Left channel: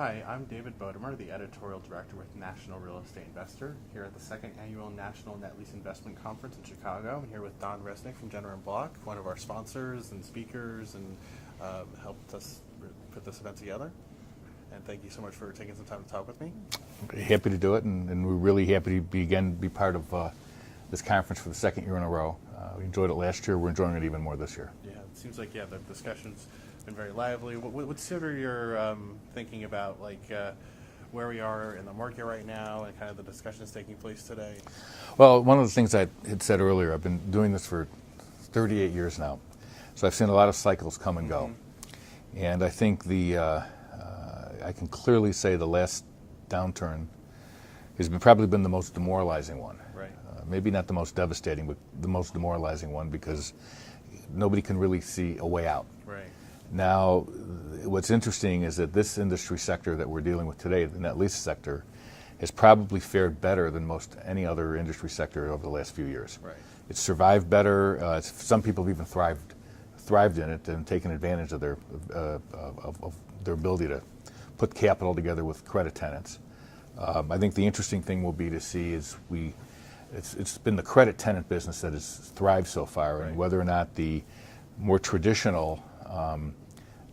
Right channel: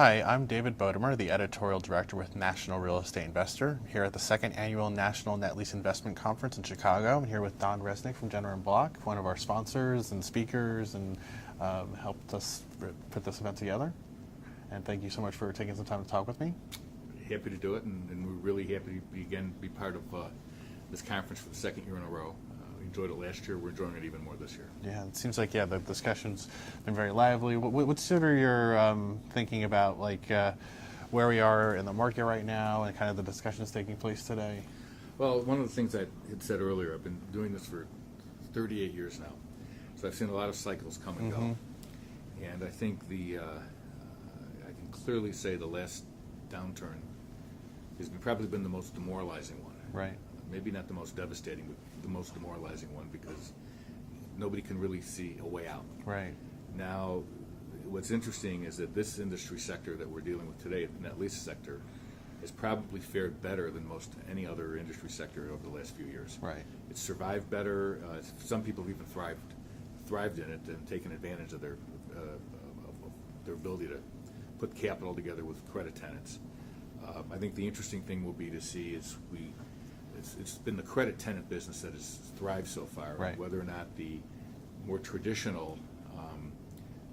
Hi, I'm David Bodemer, the editorial director with National Real Estate Investor, here at the second annual National Net Lease Investment Conference in Chicago. I'm here with Don Resnick from Jenner & Block, one of our sponsors and speakers, and helped us put this event together. And thank you so much for taking some time to talk with me. Happy to do it, and we're really happy to be part of this conference for the second year in a row. We enjoyed it last year. We're enjoying it even more this year. Yeah, it seems like the discussion's been very lively. What's sort of your thinking about where we are in the market right now and kind of the discussions taking place today? Well, one of the things I had said earlier, I've been doing this for 38 years now, so I've seen a lot of cycles come and go, and I think I can clearly say the last downturn has probably been the most demoralizing one. Right. Maybe not the most devastating, but the most demoralizing one, because nobody can really see a way out. Right. Now, what's interesting is that this industry sector that we're dealing with today, the net lease sector, has probably fared better than most any other industry sector over the last few years. Right. It's survived better. Some people have even thrived in it and taken advantage of their ability to put capital together with credit tenants. I think the interesting thing will be to see is it's been the credit tenant business that has thrived so far, right. And whether or not the more traditional,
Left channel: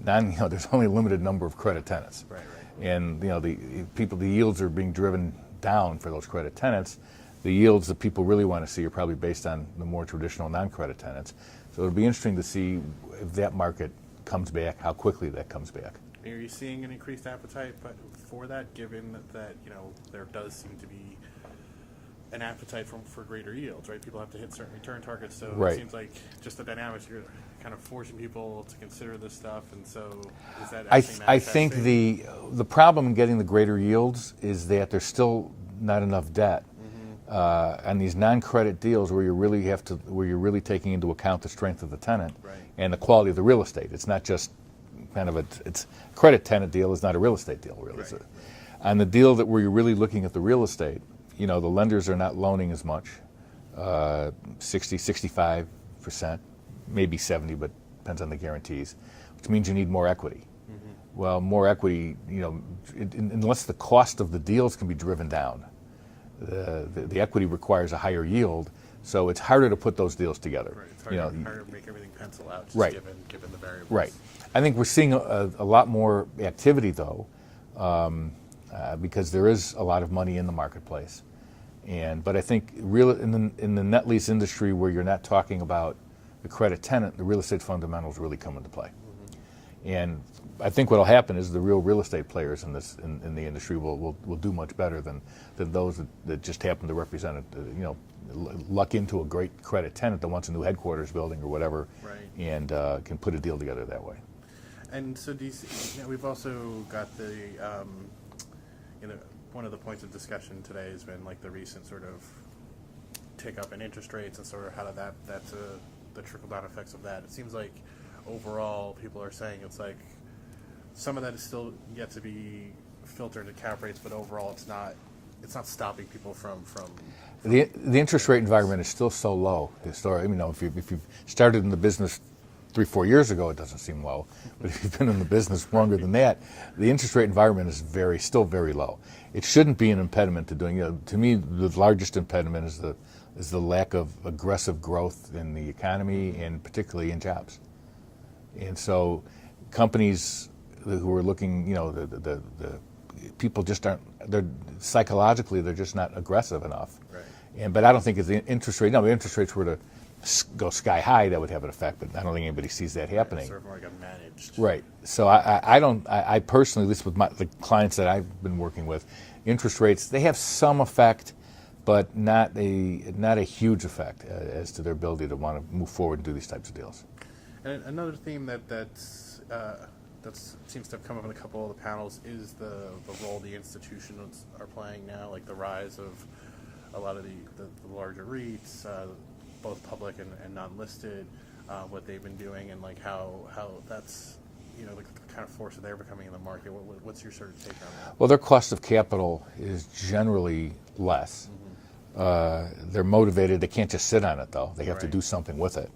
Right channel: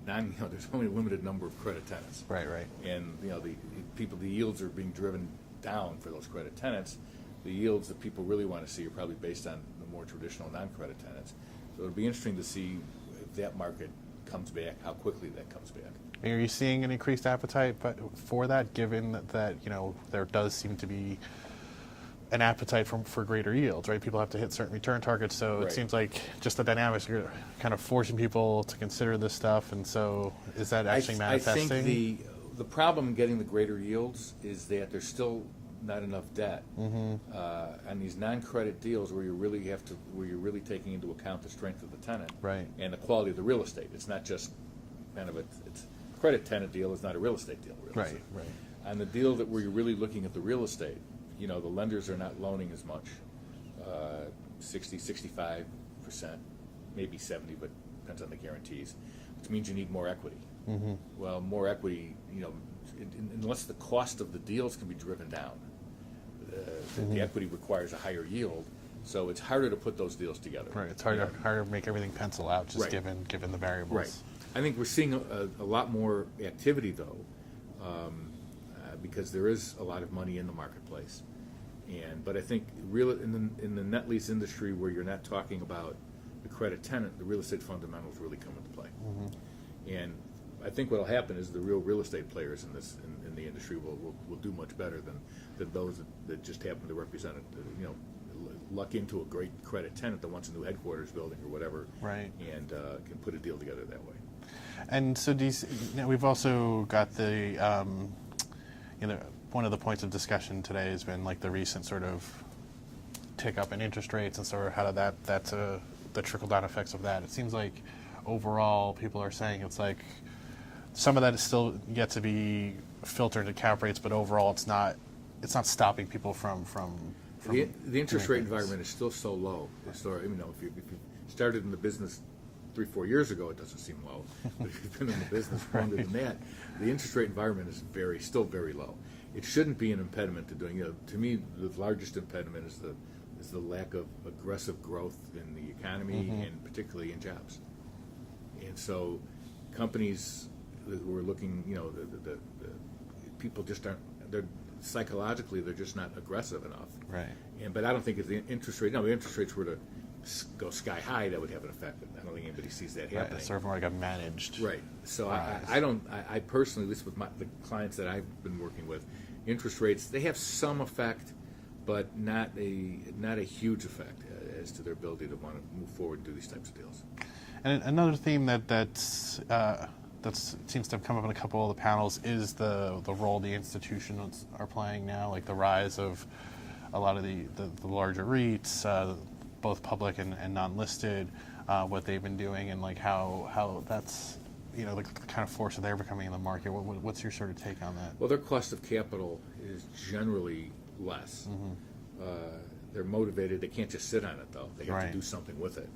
there's only a limited number of credit tenants. Right. And the yields are being driven down for those credit tenants. The yields that people really want to see are probably based on the more traditional non-credit tenants. So it'll be interesting to see if that market comes back, how quickly that comes back. Are you seeing an increased appetite for that, given that there does seem to be an appetite for greater yields, right? People have to hit certain return targets, so right. It seems like just the dynamics are kind of forcing people to consider this stuff, and so is that actually manifesting? I think the problem in getting the greater yields is that there's still not enough debt, and these non-credit deals where you're really taking into account the strength of the tenant, right. And the quality of the real estate. It's not just kind of it's credit tenant deal is not a real estate deal, really. Right. On the deal where you're really looking at the real estate, the lenders are not loaning as much, 60, 65%, maybe 70, but depends on the guarantees, which means you need more equity. Well, more equity, unless the cost of the deals can be driven down, the equity requires a higher yield, so it's harder to put those deals together. Right, it's harder to make everything pencil out, just right. given the variables. Right. I think we're seeing a lot more activity, though, because there is a lot of money in the marketplace. But I think in the net lease industry, where you're not talking about the credit tenant, the real estate fundamentals really come into play. And I think what will happen is the real real estate players in the industry will do much better than those that just happen to represent luck into a great credit tenant that wants a new headquarters building or whatever, right. And can put a deal together that way. And so we've also got one of the points of discussion today has been the recent sort of tick up in interest rates and sort of how that's the trickle-down effects of that. It seems like overall people are saying it's like some of that is still yet to be filtered into cap rates, but overall it's not stopping people from the interest rate environment is still so low. If you started in the business 3-4 years ago, it doesn't seem low. But if you've been in the business longer than that, the interest rate environment is still very low. It shouldn't be an impediment to doing. To me, the largest impediment is the lack of aggressive growth in the economy and particularly in jobs. And so, companies who are looking, the people just aren't. They're psychologically they're just not aggressive enough. Right. But I don't think if the interest rates were to go sky high, that would have an effect, but I don't think anybody sees that happening. Right, it's sort of more like a managed. Right. So I personally, at least with the clients that I've been working with, interest rates, they have some effect, but not a huge effect as to their ability to want to move forward and do these types of deals. And another theme that seems to have come up in a couple of the panels is the role the institutions are playing now, like the rise of a lot of the larger REITs, both public and non-listed, what they've been doing, and how that's the kind of force that they're becoming in the market. What's your sort of take on that? Well, their cost of capital is generally less. They're motivated. They can't just sit on it, though. They have to do something with it.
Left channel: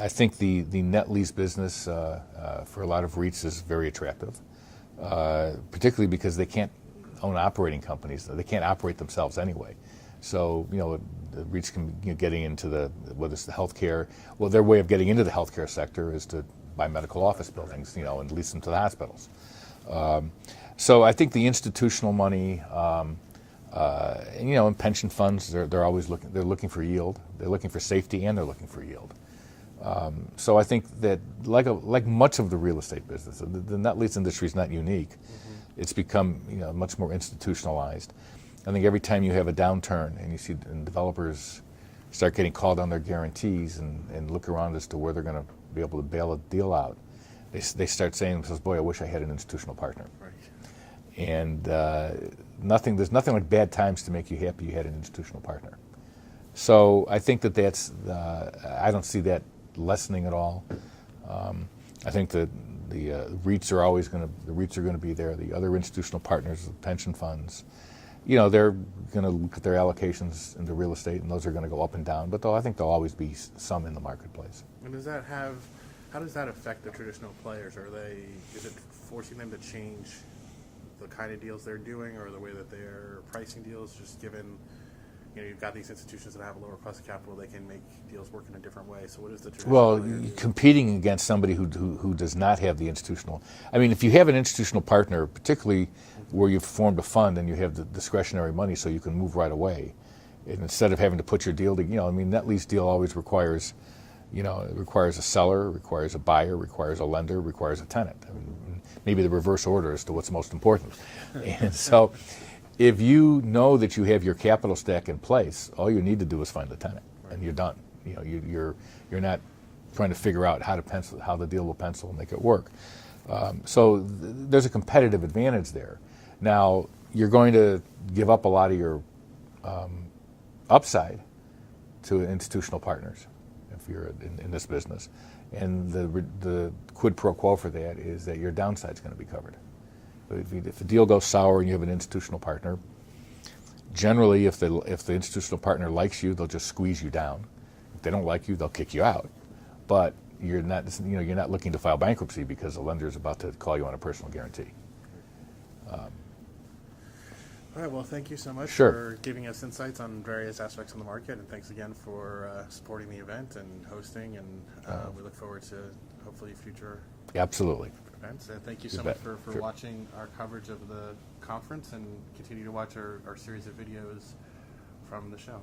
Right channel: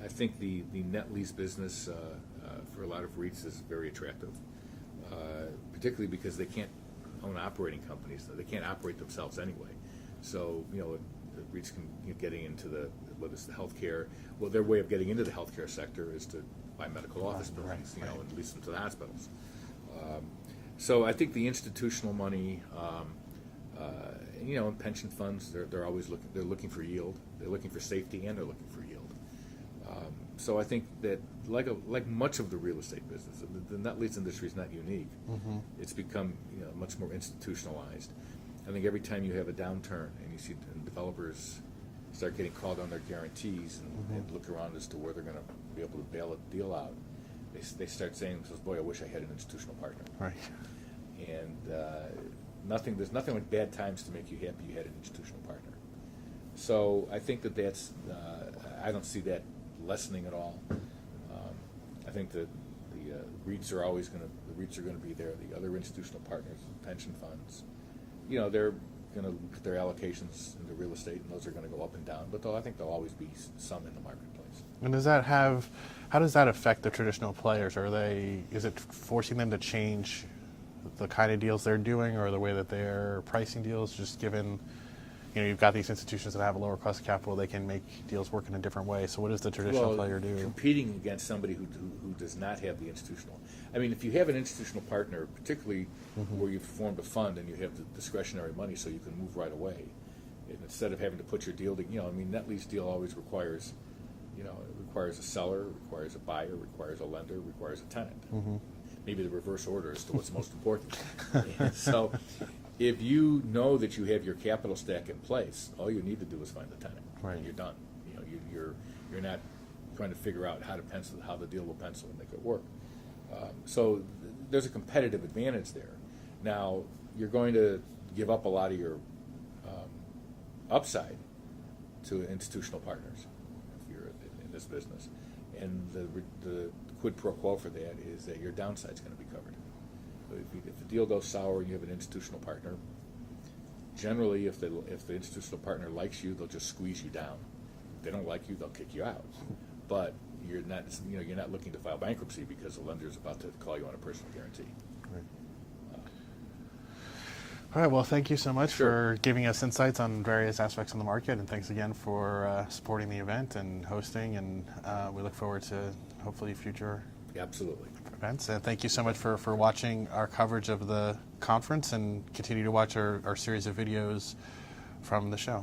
I think the net lease business for a lot of REITs is very attractive, particularly because they can't own operating companies. They can't operate themselves anyway. So, the REITs can getting into whether it's the healthcare. Well, their way of getting into the healthcare sector is to buy medical office buildings, and lease them to the hospitals. So I think the institutional money, and pension funds, they're always looking for yield. They're looking for safety, and they're looking for yield. So I think that like much of the real estate business, the net lease industry is not unique. Mm-hmm. It's become much more institutionalized. I think every time you have a downturn and you see developers start getting called on their guarantees and look around as to where they're going to be able to bail a deal out, they start saying to themselves, "Boy, I wish I had an institutional partner." Right. And there's nothing like bad times to make you happy you had an institutional partner. So I think that's I don't see that lessening at all. I think that the REITs are always going to be there. The other institutional partners, the pension funds, they're going to look at their allocations into real estate, and those are going to go up and down. But I think there'll always be some in the marketplace. And how does that affect the traditional players? Is it forcing them to change the kind of deals they're doing, or the way that they're pricing deals, just given, you've got these institutions that have a lower cost of capital, they can make deals work in a different way. So what does the traditional player do? Competing against somebody who does not have the institutional. I mean, if you have an institutional partner, particularly where you've formed a fund and you have the discretionary money so you can move right away, and instead of having to put your deal to, net lease deal always requires, it requires a seller, requires a buyer, requires a lender, requires a tenant. Mm-hmm. Maybe the reverse order as to what's most important. And so if you know that you have your capital stack in place, all you need to do is find the tenant, right, and you're done. You're not trying to figure out how the deal will pencil and make it work. So there's a competitive advantage there. Now, you're going to give up a lot of your upside to institutional partners if you're in this business. And the quid pro quo for that is that your downside's going to be covered. But if a deal goes sour and you have an institutional partner, generally if the institutional partner likes you, they'll just squeeze you down. If they don't like you, they'll kick you out. But you're not looking to file bankruptcy because the lender is about to call you on a personal guarantee. All right, well, thank you so much for giving us insights on various aspects of the market, and thanks again for supporting the event and hosting, and we look forward to hopefully future events. And thank you so much for watching our coverage of the conference, and continue to watch our series of videos from the show.